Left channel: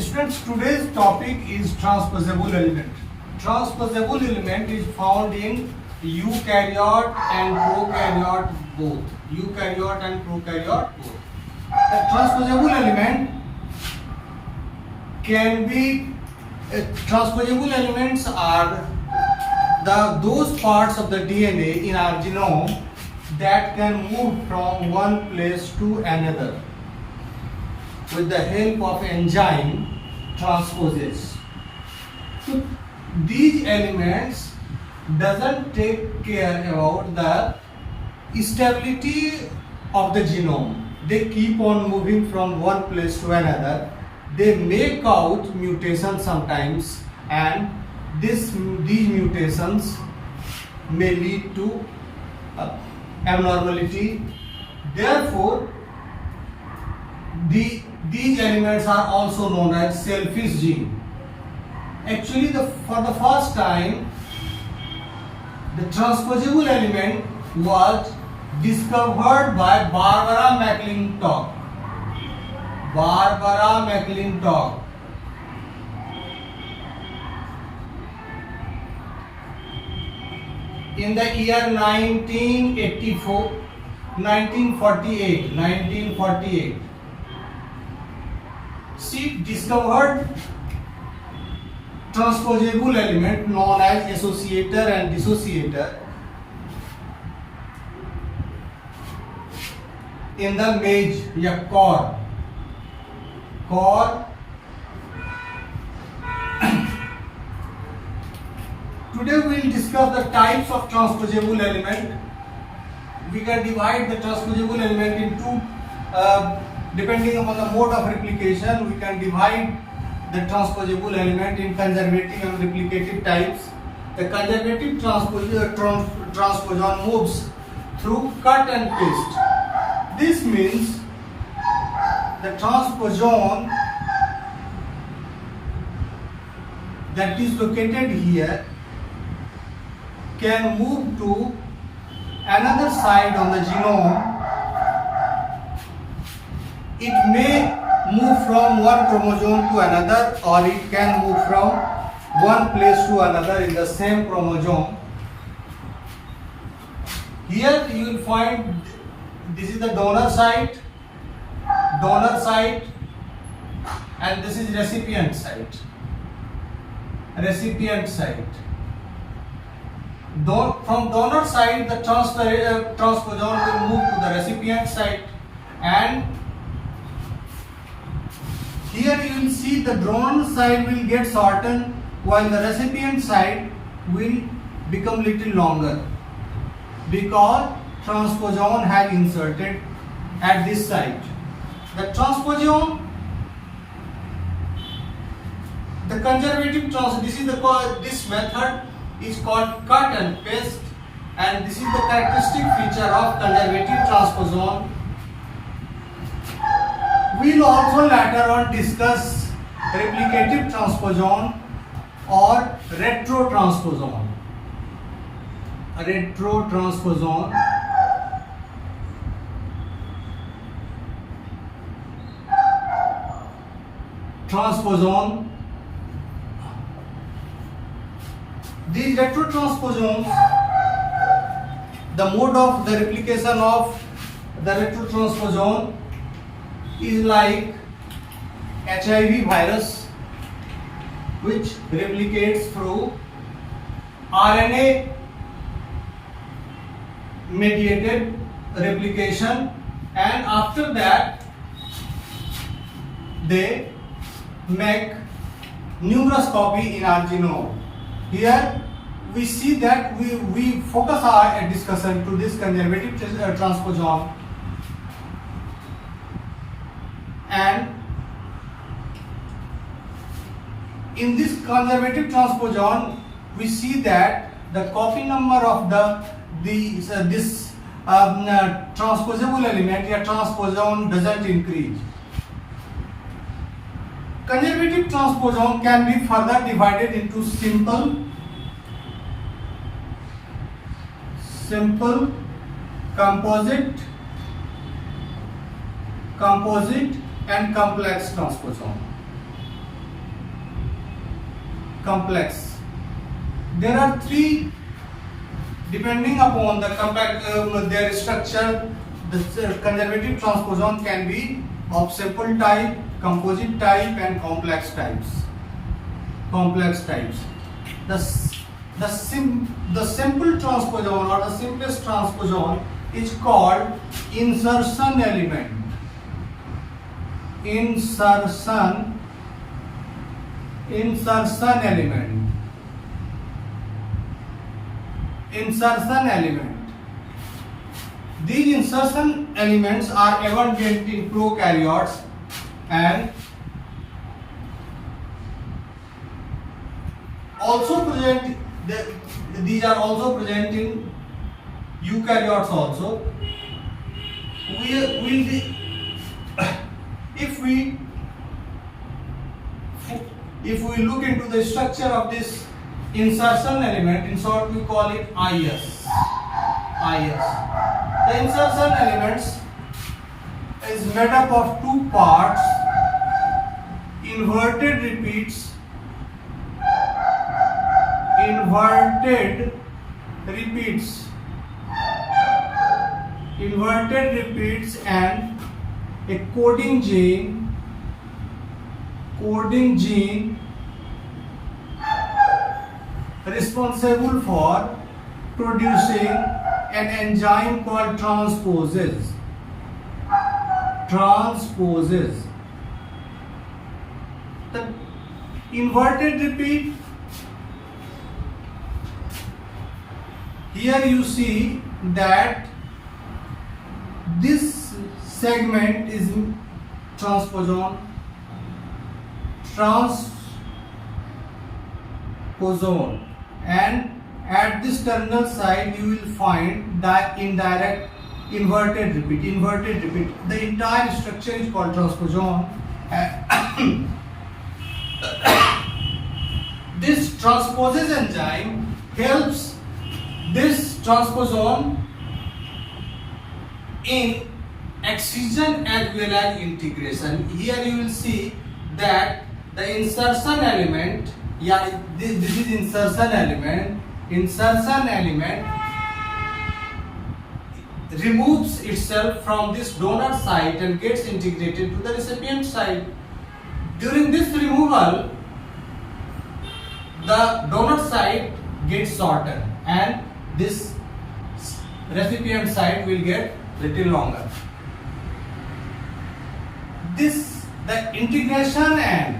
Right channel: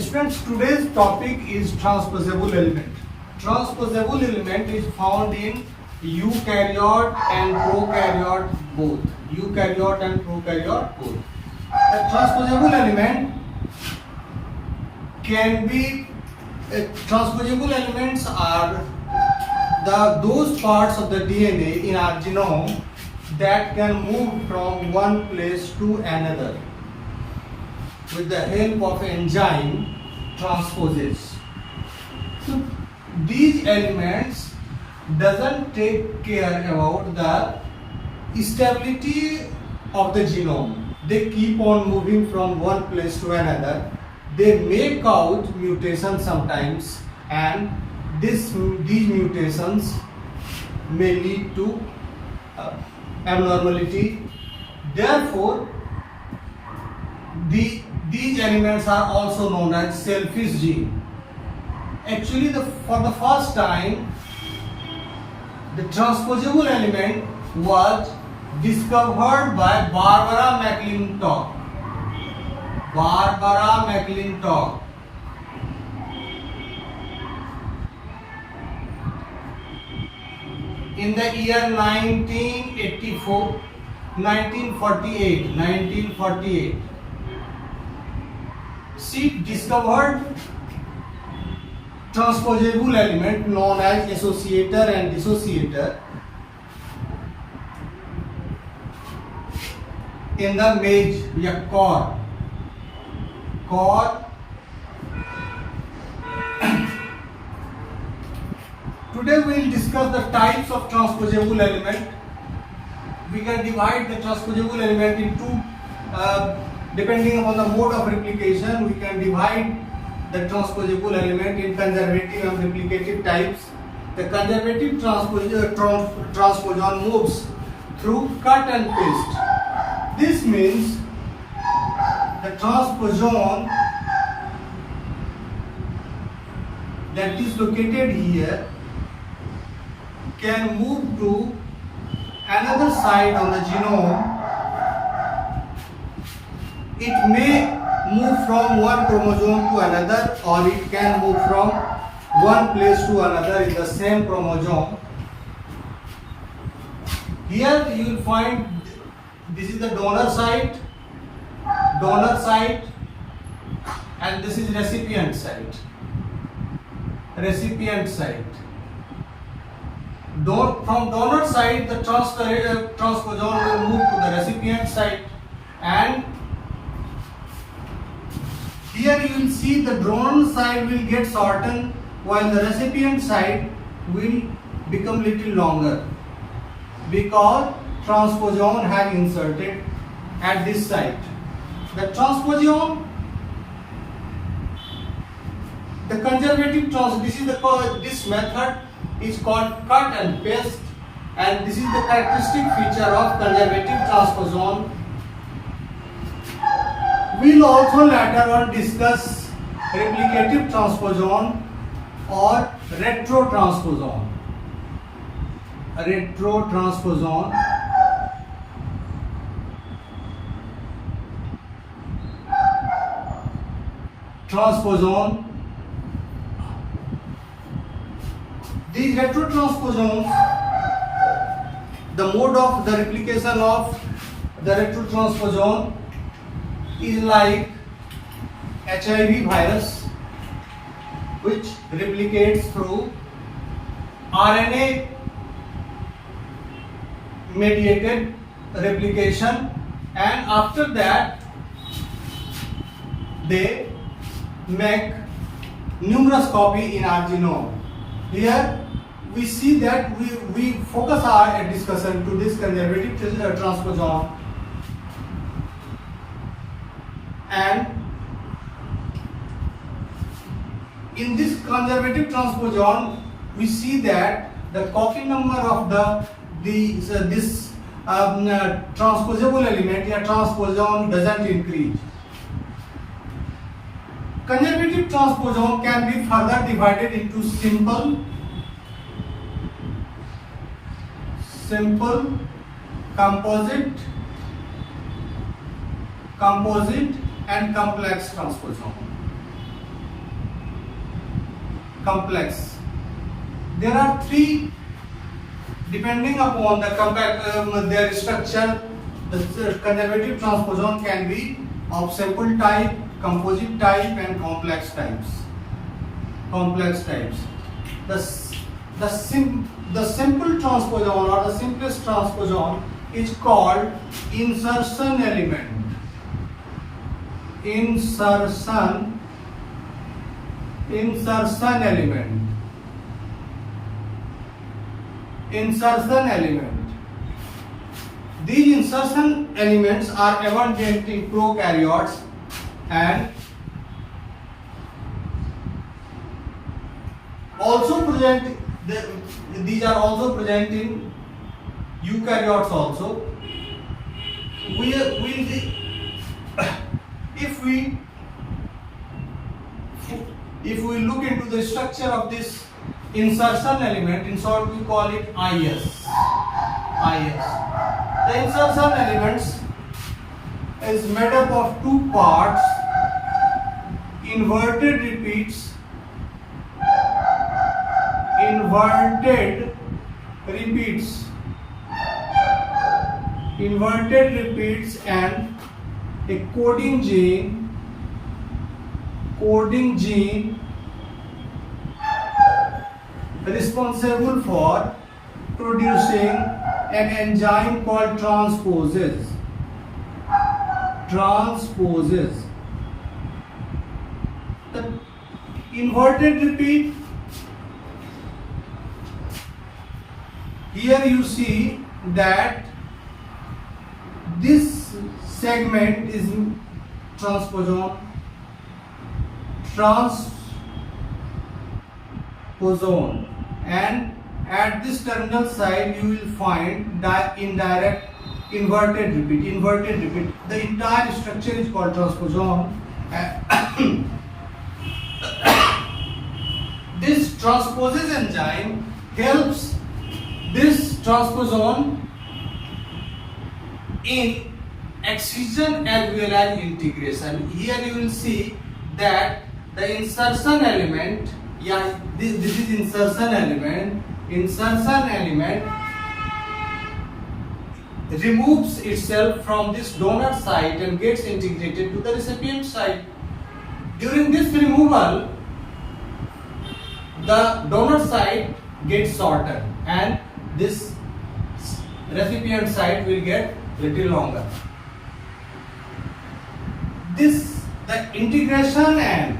Students, today's topic is transposable element. Transposable element is found in eukaryote and prokaryote both. Eukaryote and prokaryote both. A transposable element can be transposable elements are those parts of the DNA in our genome that can move from one place to another with the help of enzyme transposase. So these elements doesn't take care about the stability of the genome. They keep on moving from one place to another. They make out mutations sometimes, and these mutations may lead to abnormality. Therefore, these elements are also known as selfish gene. Actually, for the first time, the transposable element was discovered by Barbara McClintock. Barbara McClintock. In the year 1948. She discovered transposable element known as associator and dissociator in the maize core. Today we will discuss the types of transposable element. We can divide the transposable element into depending upon the mode of replication. We can divide the transposable element in conservative and replicative types. The conservative transposon moves through cut and paste. This means the transposon that is located here can move to another side on the genome. It may move from one chromosome to another, or it can move from one place to another in the same chromosome. Here you will find this is the donor site, and this is recipient site. From donor side, the transposon will move to the recipient site, and here you will see the donor side will get shortened while the recipient side will become little longer because transposon has inserted at this site. The transposon, the conservative this method is called cut and paste, and this is the characteristic feature of conservative transposon. We will also later on discuss replicative transposon or retrotransposon. Transposon. These retrotransposons, the mode of the replication of the retrotransposon is like HIV virus, which replicates through RNA mediated replication, and after that they make numerous copies in our genome. Here we see that we focus our discussion to this conservative transposon, and in this conservative transposon we see that the copy number of this transposable element or transposon doesn't increase. Conservative transposon can be further divided into simple, composite, and complex transposon. complex. There are three, depending upon the their structure. The conservative transposon can be of simple type, composite type, and complex types. The simple transposon or the simplest transposon is called insertion element. Insertion element. These insertion elements are abundant in prokaryotes and also present. These are also present in eukaryotes also. If we look into the structure of this insertion element, in short we call it IS. The insertion elements is made up of two parts: inverted repeats and a coding gene responsible for producing an enzyme called transposase. The inverted repeat, here you see that this segment is transposon, and at this terminal side you will find the indirect inverted repeat. The entire structure is called transposon. This transposase enzyme helps this transposon in excision as well as integration. Here you will see that the insertion element, this is insertion element removes itself from this donor site and gets integrated to the recipient site. During this removal, the donor site gets shorter and this recipient site will get little longer. The integration and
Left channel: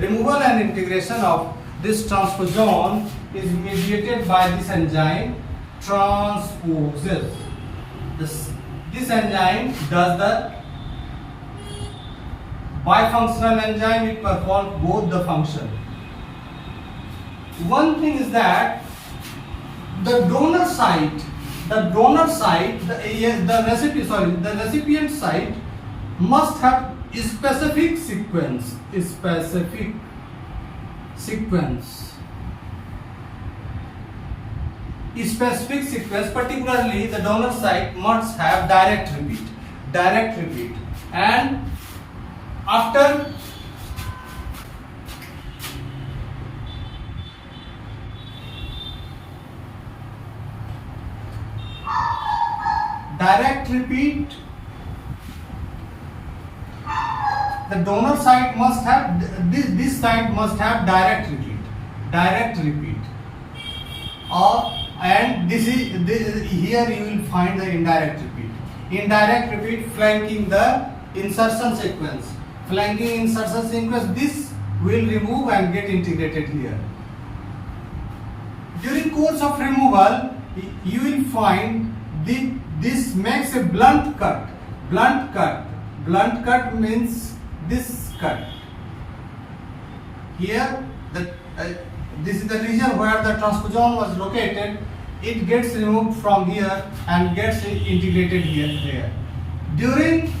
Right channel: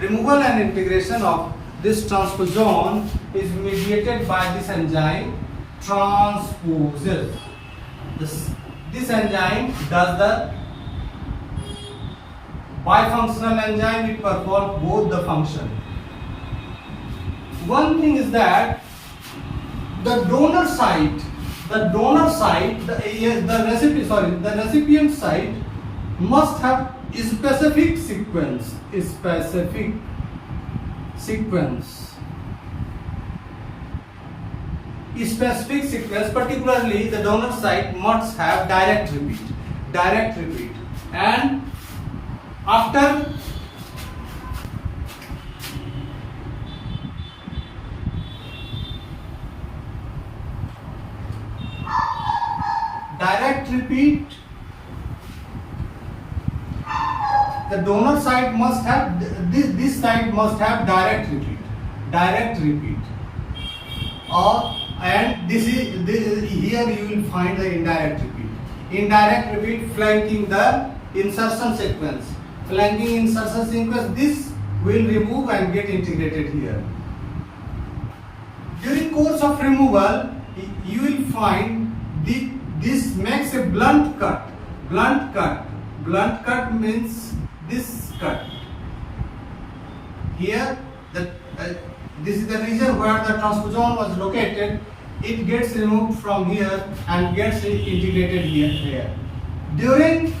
removal and integration of this transposon is mediated by this enzyme transposase. This enzyme does the bifunctional enzyme. It performs both the function. One thing is that the donor site, the recipient site must have a specific sequence. Particularly the donor site must have direct repeat, and after direct repeat, the donor site must have this site must have direct repeat, and here you will find the indirect repeat flanking the insertion sequence. This will remove and get integrated here. During course of removal, you will find this makes a blunt cut. Blunt cut means this cut. Here, this is the region where the transposon was located. It gets removed from here and gets integrated here. During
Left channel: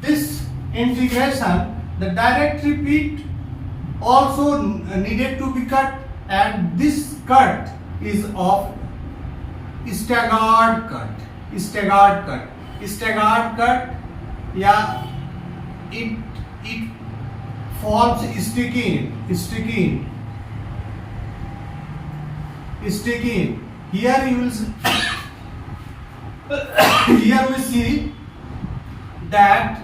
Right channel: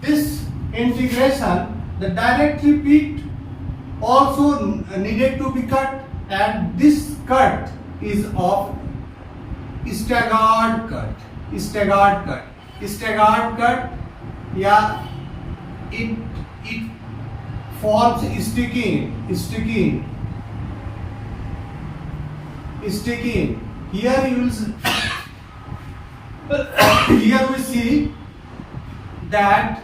this integration, the direct repeat also needed to be cut, and this cut is of staggered cut. Yeah, it forms sticky. Here you will here we see that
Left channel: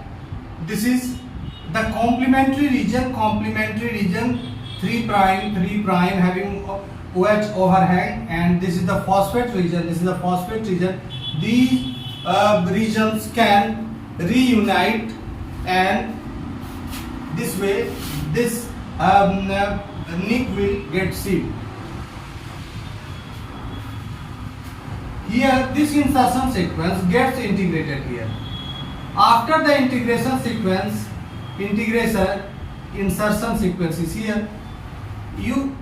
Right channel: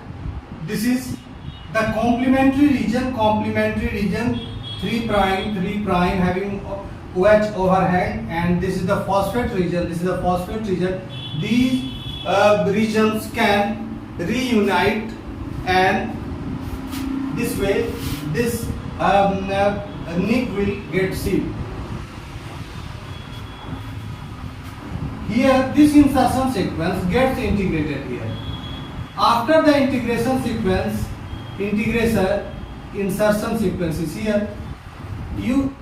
this is the complementary region 3 prime having OH overhang, and this is the phosphate region. These regions can reunite, and this way this nick will get sealed. Here this insertion sequence gets integrated here. After the insertion sequence is here, you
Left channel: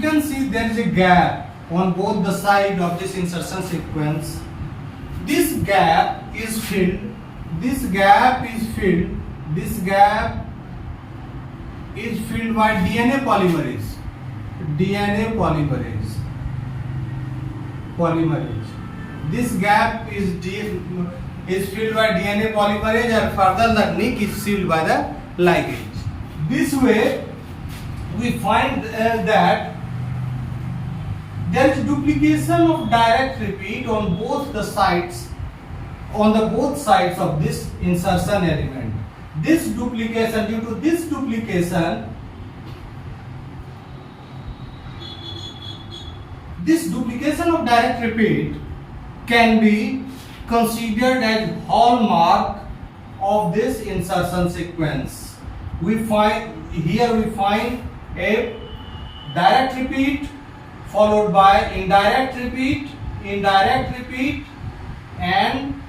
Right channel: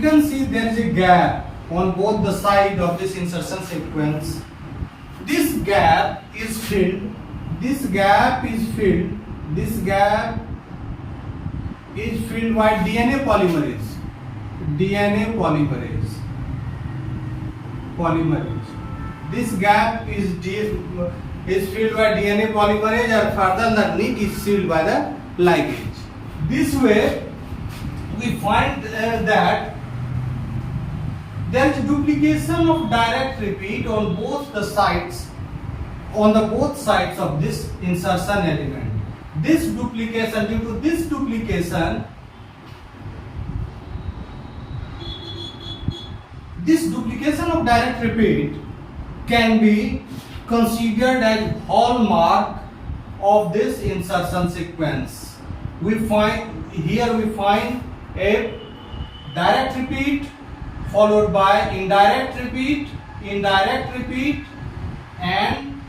can see there is a gap on both the side of this insertion sequence. This gap is filled by DNA polymerase. This gap is filled by DNA polymerase, and further the nick is sealed by the ligase. This way we find that there is duplication of direct repeat on both sides of this insertion element. Due to this duplication of direct repeat can be considered as hallmark of this insertion sequence. We find a direct repeat followed by indirect repeat, and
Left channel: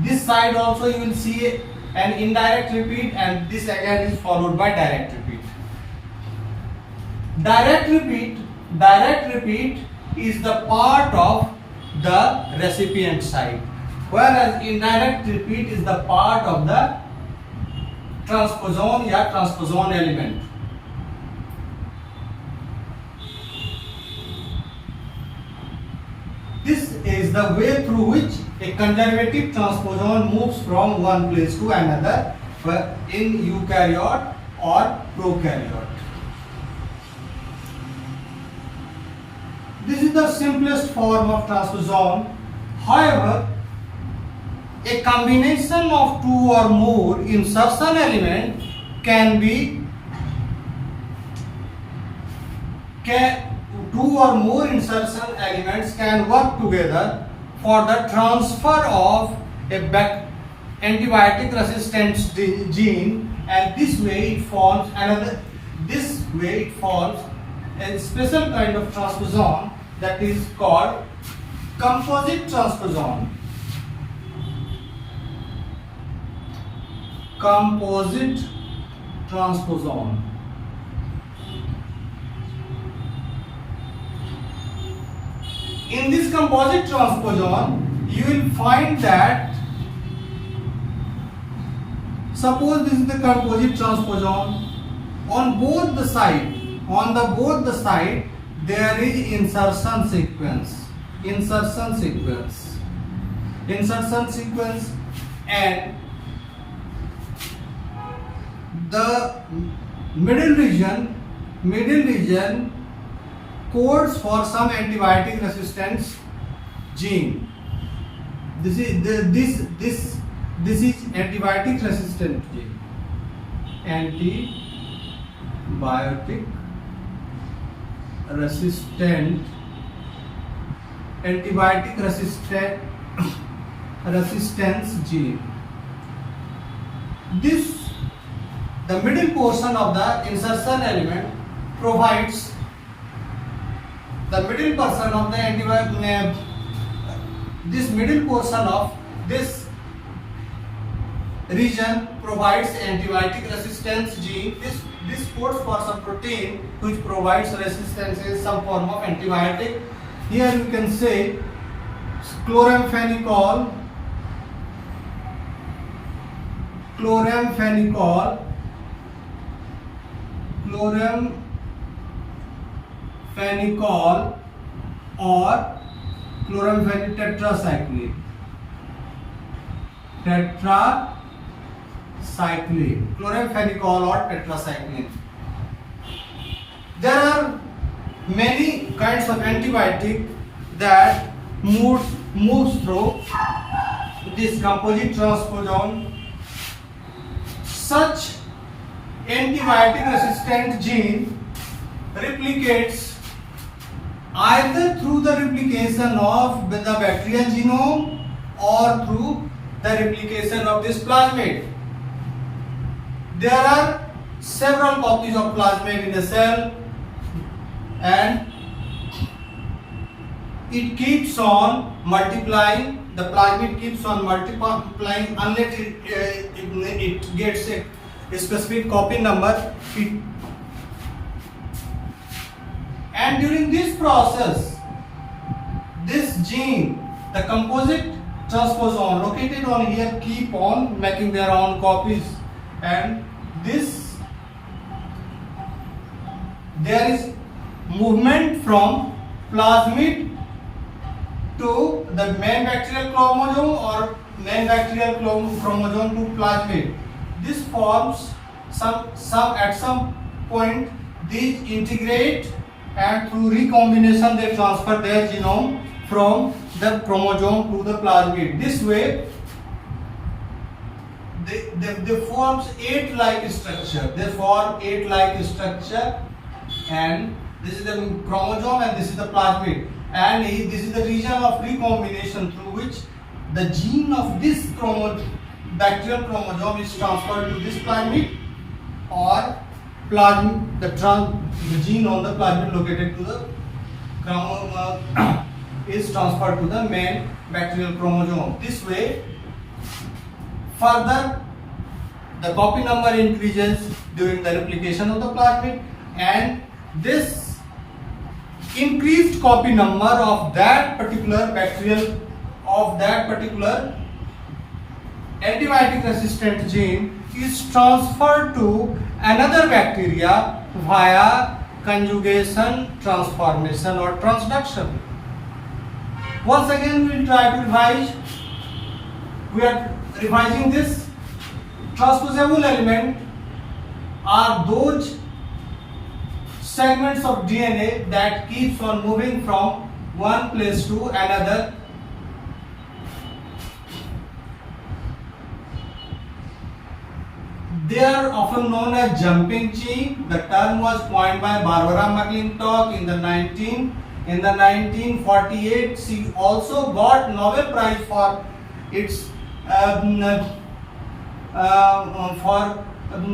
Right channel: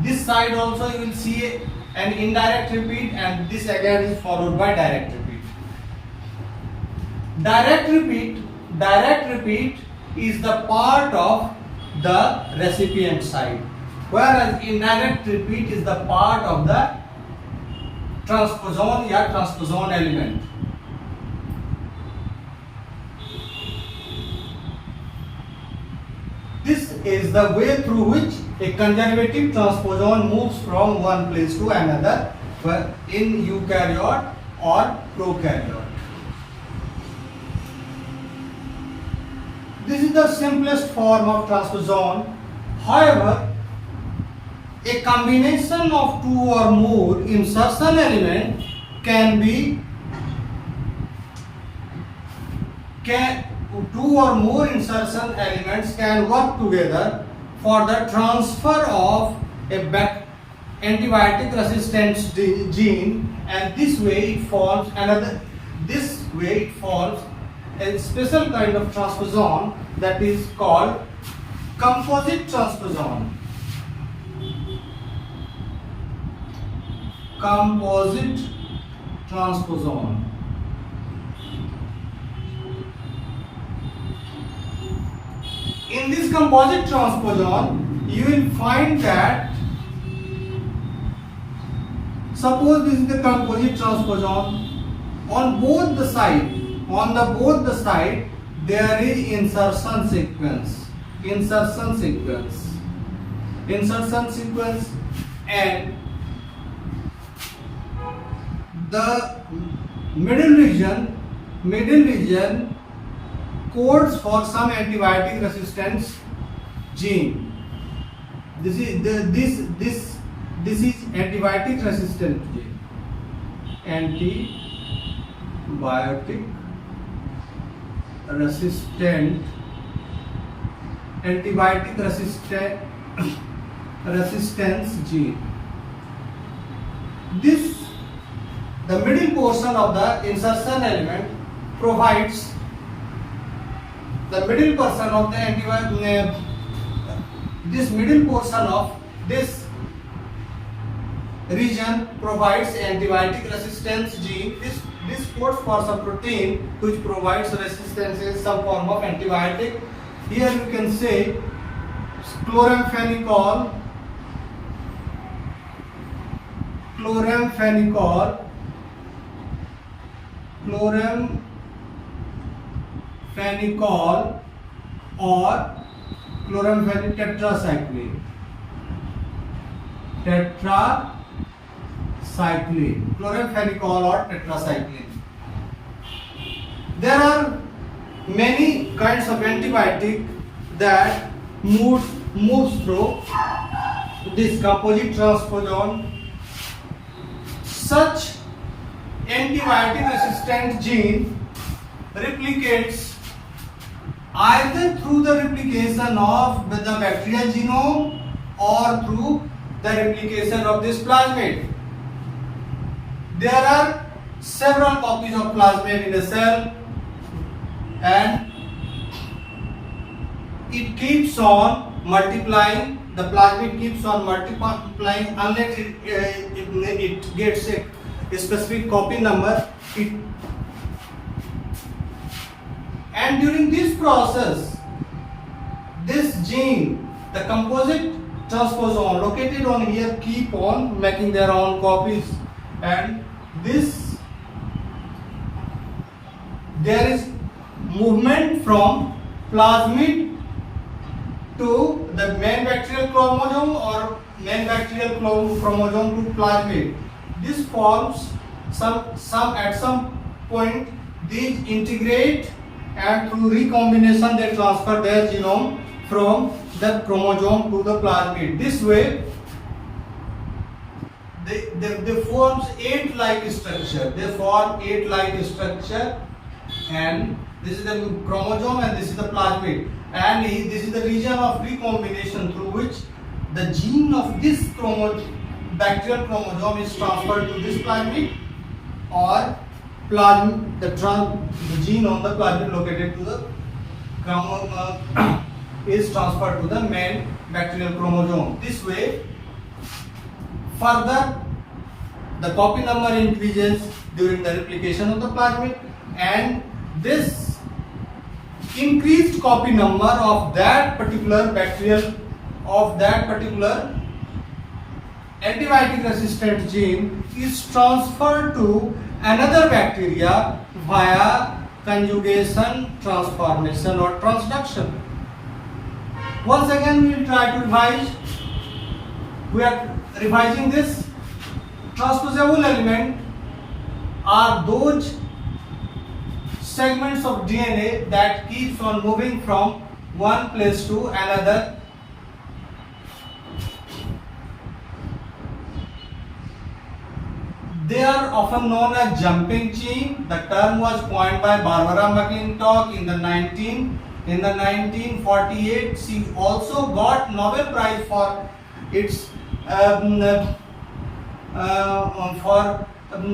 this side also you will see an indirect repeat, and this again is followed by direct repeat. Direct repeat is the part of the recipient side, whereas indirect repeat is the part of the transposon element. This is the way through which a conservative transposon moves from one place to another in eukaryote or prokaryote. This is the simplest form of transposon. However, a combination of two or more insertion elements can work together for the transfer of a antibiotic resistance gene, and this way it forms a special kind of transposon that is called composite transposon. In this composite transposon, you will find that, suppose this is the composite transposon, on both the side there is insertion sequence, and the middle region codes for some antibiotic resistance gene. This is antibiotic resistant gene. Antibiotic resistance gene. The middle portion of the insertion element provides this middle portion of this region provides antibiotic resistance gene. This codes for some protein which provides resistance in some form of antibiotic. Here you can say chloramphenicol or chloramphenyl tetracycline. tetracycline, chloramphenicol or tetracycline. There are many kinds of antibiotic that moves through this composite transposon. Such antibiotic resistant gene replicates either through the replication of the bacterial genome or through the replication of this plasmid. There are several copies of plasmid in a cell, and it keeps on multiplying. The plasmid keeps on multiplying unless it gets a specific copy number. And during this process, this gene, the composite transposon located on here, keep on making their own copies, and there is movement from plasmid to the main bacterial chromosome or main bacterial chromosome to plasmid. This forms at some point these integrate, and through recombination they transfer their genome from the chromosome to the plasmid. This way they form 8-like structure. They form 8-like structure, and this is the chromosome and this is the plasmid, and this is the region of recombination through which the gene of this bacterial chromosome is transferred to this plasmid, or the gene on the plasmid located to the chromosome is transferred to the main bacterial chromosome. This way, further the copy number increases during the replication of the plasmid, and this increased copy number of that particular antibiotic resistant gene is transferred to another bacteria via conjugation, transformation or transduction. Once again we will try to revise. We are revising this. Transposable element are those segments of DNA that keeps on moving from one place to another. They are often known as jumping gene. The term was coined by Barbara McClintock in the 1948. She also got Nobel Prize for its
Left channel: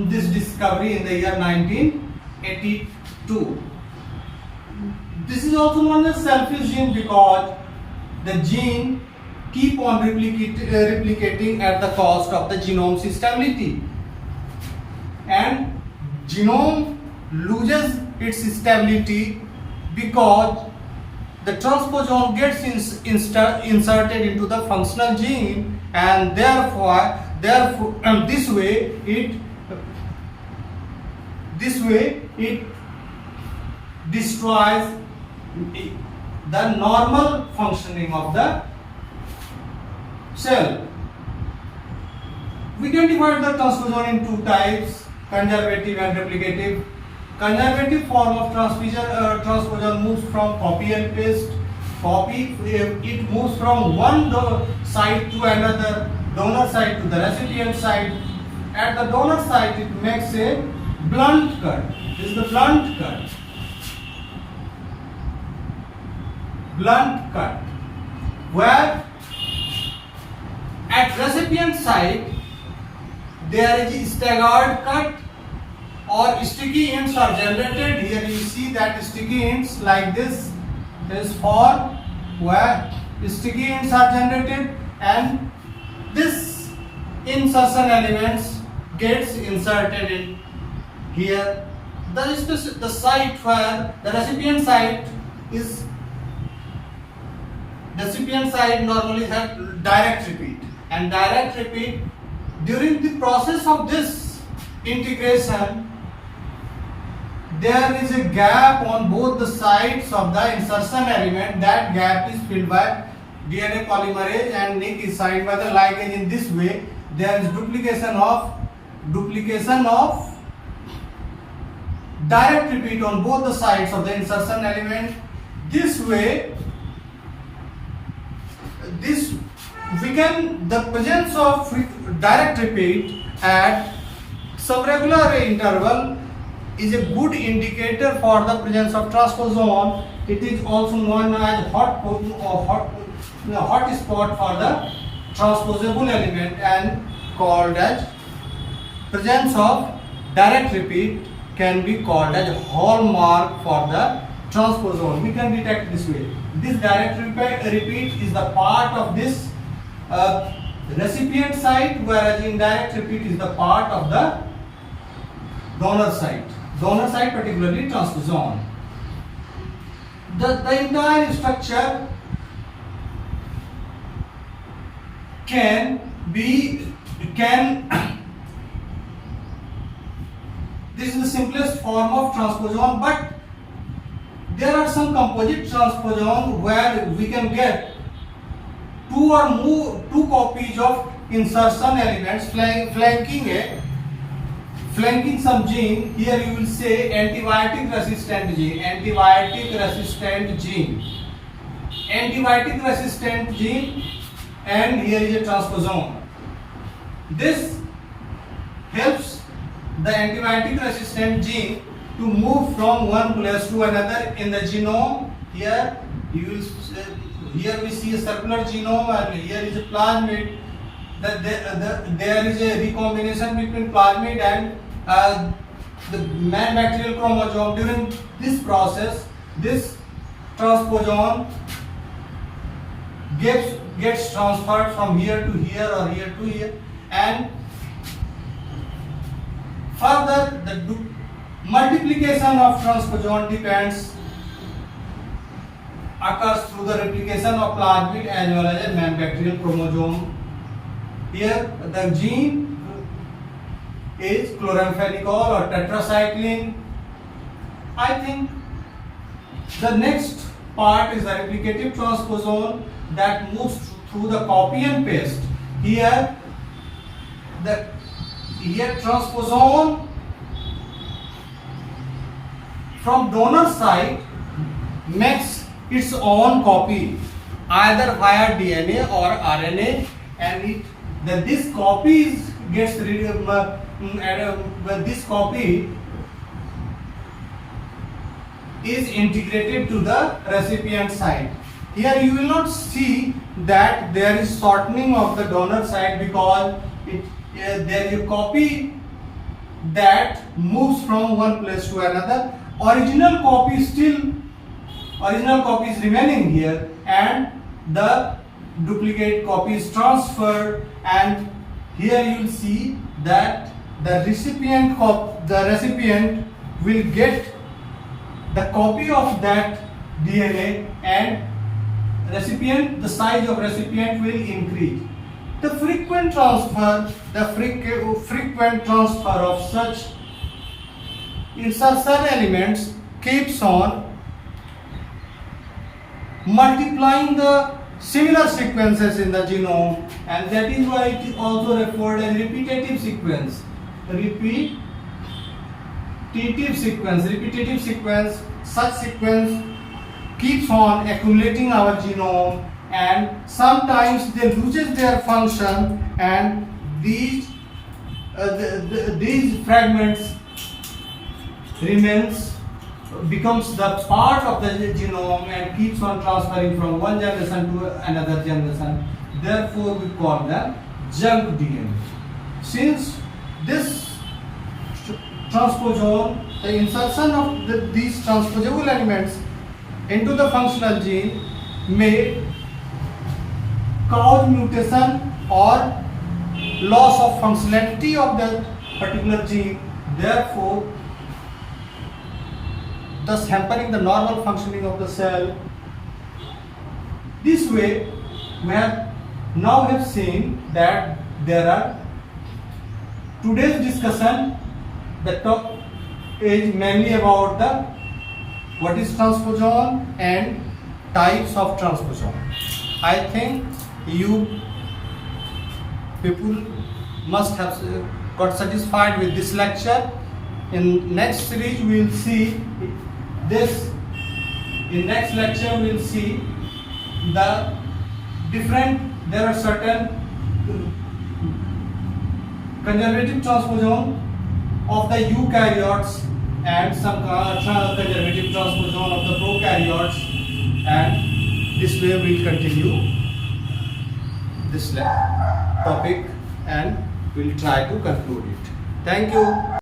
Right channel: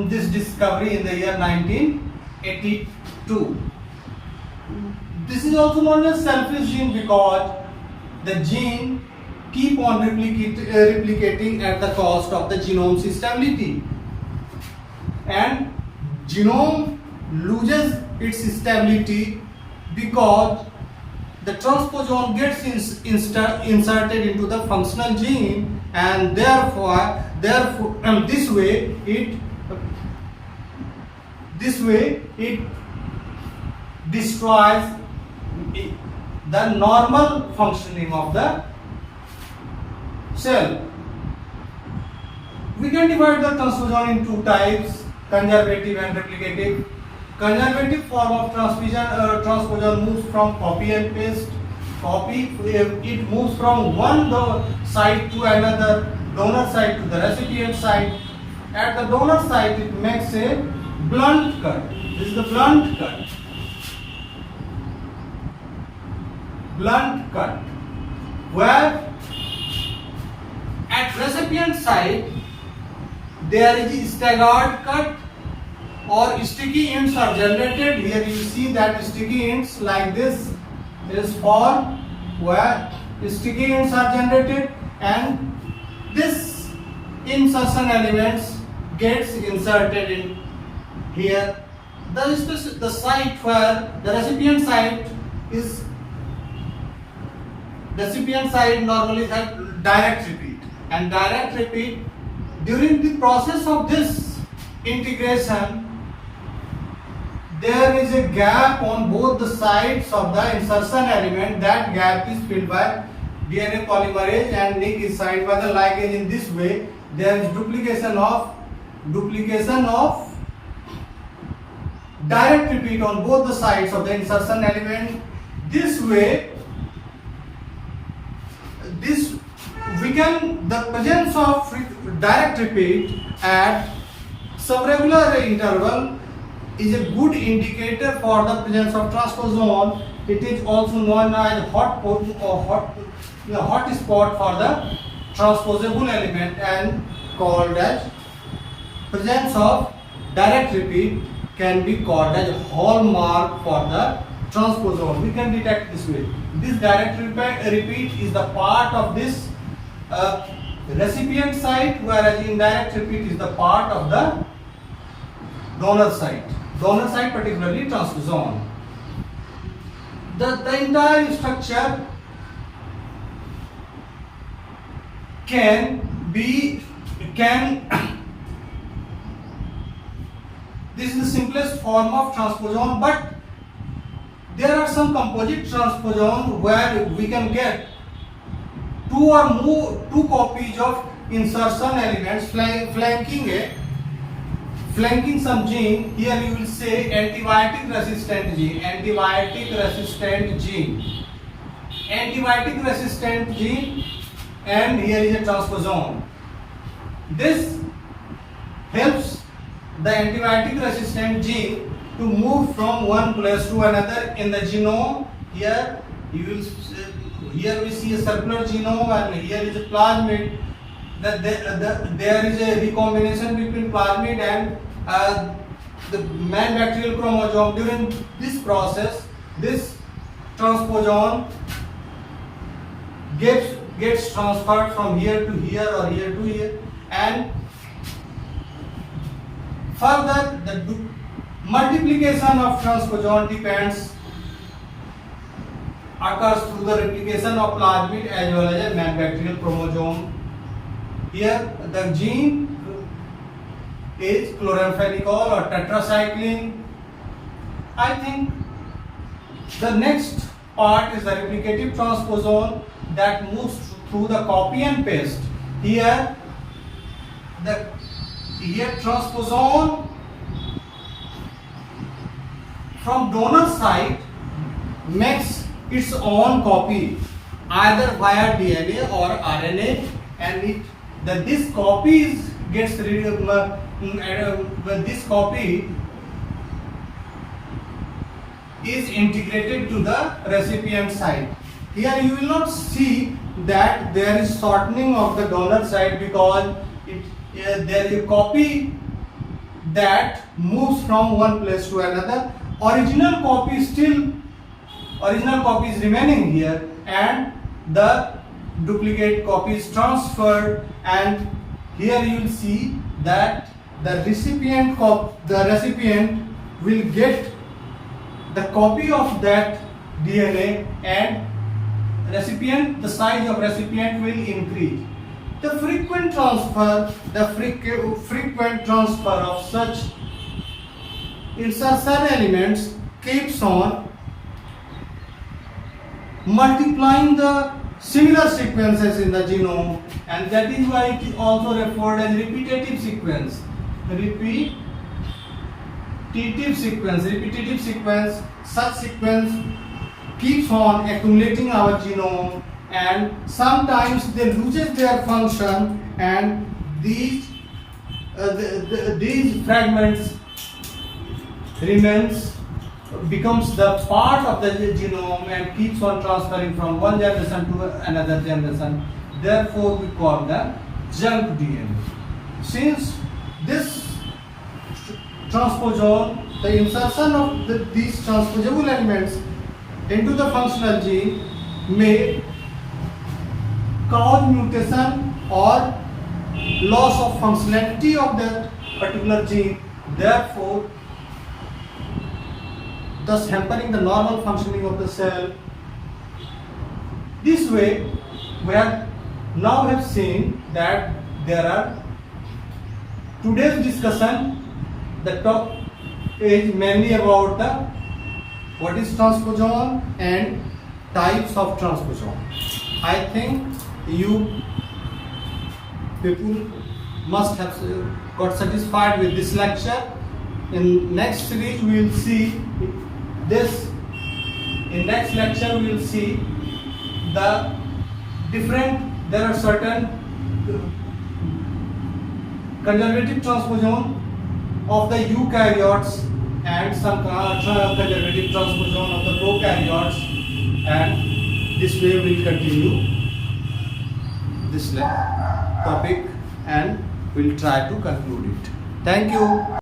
this discovery in the year 1982. This is also known as selfish gene because the gene keep on replicating at the cost of the genome's stability, and genome loses its stability because the transposon gets inserted into the functional gene, and therefore this way it destroys the normal functioning of the cell. We can divide the transposon in two types: conservative and replicative. Conservative form of transposon moves from copy and paste. It moves from one side to another, donor side to the recipient side. At the donor side, it makes a blunt cut. This is the blunt cut. Blunt cut. Where at recipient side there is a staggered cut, or sticky ends are generated. Here you see that sticky ends like this is formed, where sticky ends are generated, and this insertion elements gets inserted in here. The site where the recipient side normally has direct repeat, and direct repeat during the process of this integration, there is a gap on both the sides of the insertion element. That gap is filled by DNA polymerase, and nick is signed by the ligase. In this way, there is duplication of duplication of direct repeat on both the sides of the insertion element. This way, the presence of direct repeat at some regular interval is a good indicator for the presence of transposon. It is also known as hot spot for the transposable element and called as presence of direct repeat can be called as hallmark for the transposon. We can detect this way. This direct repeat is the part of this recipient side, whereas indirect repeat is the part of the donor side. Donor side, particularly transposon. The entire structure can this is the simplest form of transposon, but there are some composite transposon where we can get two copies of insertion elements flanking some gene. Here you will say antibiotic resistant gene, and here is a transposon. This helps the antibiotic resistant gene to move from one place to another in the genome. Here we see a circular genome, and here is a plasmid. There is a recombination between plasmid and the man bacterial chromosome. During this process, this transposon gets transferred from here to here or here to here, and further the multiplication of transposon occurs through the replication of plasmid as well as a man bacterial chromosome. Here the gene is chloramphenicol or tetracycline. I think the next part is the replicative transposon that moves through the copy and paste. Here transposon from donor side makes its own copy either via DNA or RNA, and this copy gets this copy is integrated to the recipient side. Here you will not see that there is shortening of the donor side because there is a copy that moves from one place to another. Original copy is remaining here, and the duplicate copy is transferred, and here you will see that the recipient will get the copy of that DNA, and the size of recipient will increase. The frequent transfer of such insertion elements keeps on multiplying the similar sequences in the genome, and that is why it is also referred as repetitive sequence. Such sequence keeps on accumulating our genome, and sometimes they loses their function, and these fragments becomes the part of the genome and keeps on transferring from one generation to another generation. Therefore, we call them junk DNA. Since this transposon, the insertion of these transposable elements into the functional gene may cause mutation or loss of functionality of that particular gene. Therefore, thus hampering the normal functioning of the cell. This way, we have seen that there are today's discussion. The talk is mainly about what is transposon and types of transposon. I think you people must have got satisfied with this lecture. In next series we will see this. In next lecture we will see the different. There are certain conservative transposon of the eukaryotes and some conservative transposon of the prokaryotes, and this way we will continue this topic and we'll try to conclude it. Thank you.